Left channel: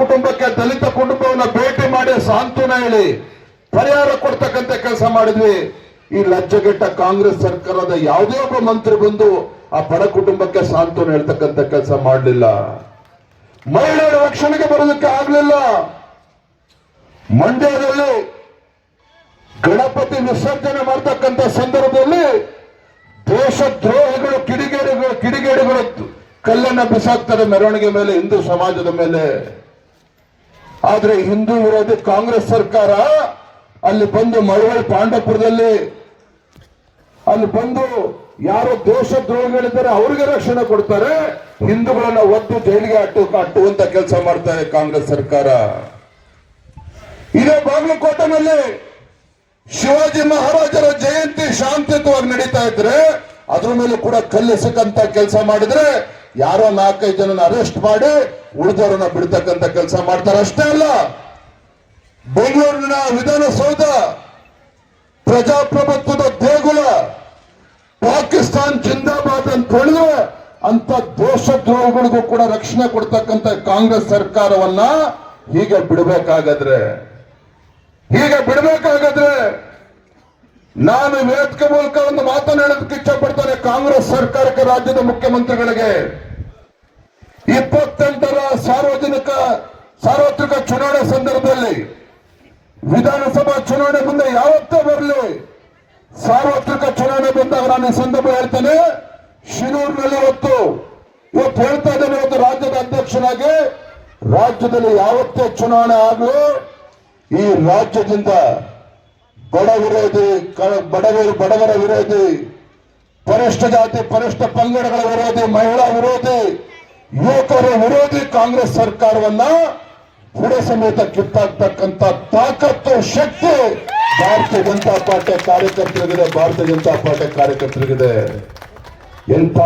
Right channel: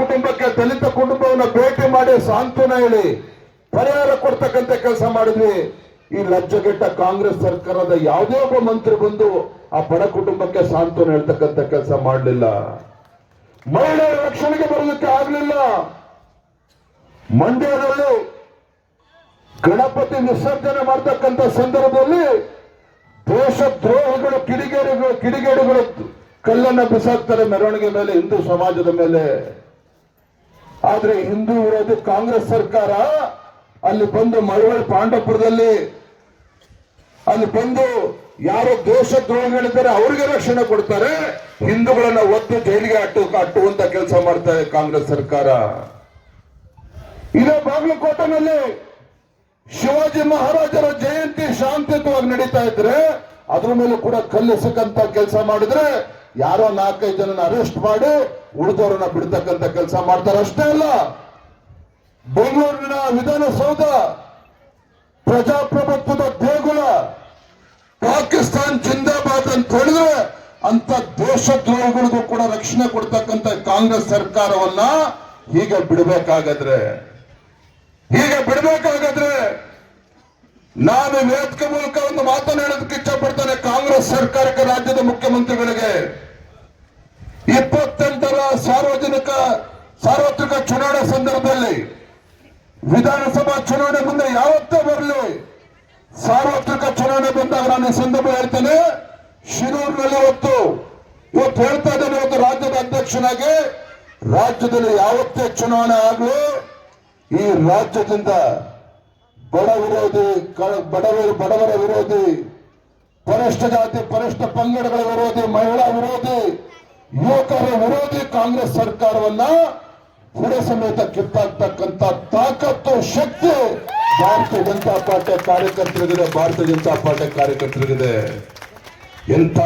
ಕುಟುಂಬಕ್ಕೆ, ದಲಿತ ಕುಟುಂಬವನ್ನ ಭೇಟಿ ಮಾಡಿ ಸಾಂತ್ವನ ಹೇಳಿ ಪರಿಹಾರ ಕೊಡ್ತಕ್ಕಂಥ ಕೆಲಸ ಮಾಡಿದ್ವಿ. ಈ ಲಜ್ಜೆಗೆಟ್ಟ ಕಾಂಗ್ರೆಸ್ ಸರ್ಕಾರದ ಯಾವುದೇ ಒಬ್ಬ ಮಂತ್ರಿ ಬಂದು ಆ ಬಡ ಕುಟುಂಬಕ್ಕೆ ಸಾಂತ್ವನ ಹೇಳ್ತಕ್ಕಂಥ ಕೆಲಸ ಮಾಡಲಿಲ್ಲ. ಮಹಿಳೆಯರ ರಕ್ಷಣೆಗೆ ಬರೋದಕ್ಕೆ ಆಗ್ಲಿಲ್ಲ. ಮಂಡ್ಯದಲ್ಲಿ ಗಣಪತಿ ವಿಸರ್ಜನೆ ಮಾಡ್ತಕ್ಕಂಥ ಸಂದರ್ಭದಲ್ಲಿ ದೇಶದ್ರೋಹಿಗಳು ಕಿಡಿಗೇಡಿಗಳು ಕಲ್ಲನ್ನ ಬಿಸಾಕ್ತಾರೆ ಮೆರವಣಿಗೆ ಮೇಲೆ, ಹಿಂದೂ ಸಮಾಜದ ಮೇಲೆ. ಆದ್ರೆ ಹಿಂದೂ ವಿರೋಧಿ ಕಾಂಗ್ರೆಸ್ ಸರ್ಕಾರ ಅಲ್ಲಿ ಬಂದು ಮಳವಳ್ಳಿ ಪಾಂಡವಪುರದಲ್ಲಿ ಅಲ್ಲಿ ಬಂದು ಯಾರು ದೇಶದ್ರೋಹಿಗಳಿದ್ದಾರೆ ಅವರಿಗೆ ರಕ್ಷಣೆ ಕೊಡ್ತಾರೆ, ಹಿಂದೂಗಳನ್ನ ಒದ್ದು ಜೈಲಿಗೆ ಅಟ್ಟುವಂತ ಕೆಲಸ ಮಾಡ್ತಾರೆ ಕಾಂಗ್ರೆಸ್ ಸರ್ಕಾರ. ಇದೇ ಬಾಗಲಕೋಟೆನಲ್ಲಿ ಶಿವಾಜಿ ಮಹಾರಾಜರ ಜಯಂತಿ ಶಾಂತಿಯುತವಾಗಿ ನಡೀತಾ ಇದ್ರೆ ಅದ್ರ ಮೇಲೆ ಕೂಡ ಕಲ್ಲಿಸಕ್ಕಂತ ಕೆಲಸ ಮಾಡಿದ್ರೆ ಯಾರೋ 4-5 ಜನನ ಅರೆಸ್ಟ್ ಮಾಡಿ ಉಳಿದವರನ್ನ ಬಿಡ್ತಕ್ಕಂಥ ಕೆಲಸ ಮಾಡ್ತಾರೆ. ಅಷ್ಟೇ ಅಲ್ಲ, ಬೆಂಗಳೂರಿನ ವಿಧಾನಸೌಧ ಪ್ರಜಾಪ್ರಭುತ್ವದ ದೇಗುಲ ಪಾಕಿಸ್ತಾನ್ ಜಿಂದಾಬಾದ್ ಅಂತ ಹೇಳಿದ್ರೆ ಅಂತ ದೇಶದ್ರೋಹಿಗಳಿಗೂ ಕೂಡ ರಕ್ಷಣೆ ಕೊಡ್ತಕ್ಕಂಥ ಕಾಂಗ್ರೆಸ್ ಸರ್ಕಾರವನ್ನ ಹೀಗೆ ಬಿಡಬೇಕಾಗದ್ರೆ ನಾನು ವೇದಿಕೆ ಮೂಲಕ ಒಂದು ಮಾತನಾಡೋದಕ್ಕೆ ಇಚ್ಛಪಡ್ತೇನೆ. ಕಾಂಗ್ರೆಸ್ ಸರ್ಕಾರಕ್ಕೆ, ರಾಜ್ಯದ ಮುಖ್ಯಮಂತ್ರಿಗಳಿಗೆ 28ರ ಸಾರ್ವತ್ರಿಕ ಚುನಾವಣೆ ಸಂದರ್ಭದಲ್ಲಿ, ವಿಧಾನಸಭಾ ಚುನಾವಣೆ ಮುಂದೆ ಯಾವತ್ತೇ ಬರಲಿ, ಸಾರ್ವತ್ರಿಕ ಚುನಾವಣೆ ಬಂದಾಗ ನಾನು ಈ ಸಂದರ್ಭ ಹೇಳ್ತೇನೆ, ಶಿರೂರಿನಲ್ಲಿ ಇವತ್ತು ಹೇಳ್ತಾ ಇದ್ದೇನೆ, ಇವತ್ತು ರಾಜ್ಯದ ಅಧ್ಯಕ್ಷನಾಗಿ ರಾಜ್ಯದಲ್ಲಿ ಯಾವತ್ತೇ ಚುನಾವಣೆ ಆಗಲು ಈ ರಾಜ್ಯದಿಂದ ಬಡವರ ವಿರೋಧಿ, ಪರಿಷ್ಠ ಜಾತಿ ಪರಿಷ್ಠ ಪಂಗಡಗಳ ವಿರೋಧಿ, ಮಹಿಳಾ ವಿರೋಧಿ, ಯುವಕರ ವಿರೋಧಿ ಕಾಂಗ್ರೆಸ್ ಸರ್ಕಾರವನ್ನ ಬುಡ ಸಮೇತ ಕಿತ್ತಾಕ್ತಕ್ಕಂಥ ತಾಕತ್ತು, ಶಕ್ತಿ ಭಾರತೀಯ ಜನತಾ ಪಾರ್ಟಿ ಕಾರ್ಯಕರ್ತರಿಗಿದೆ. ಎಂಥ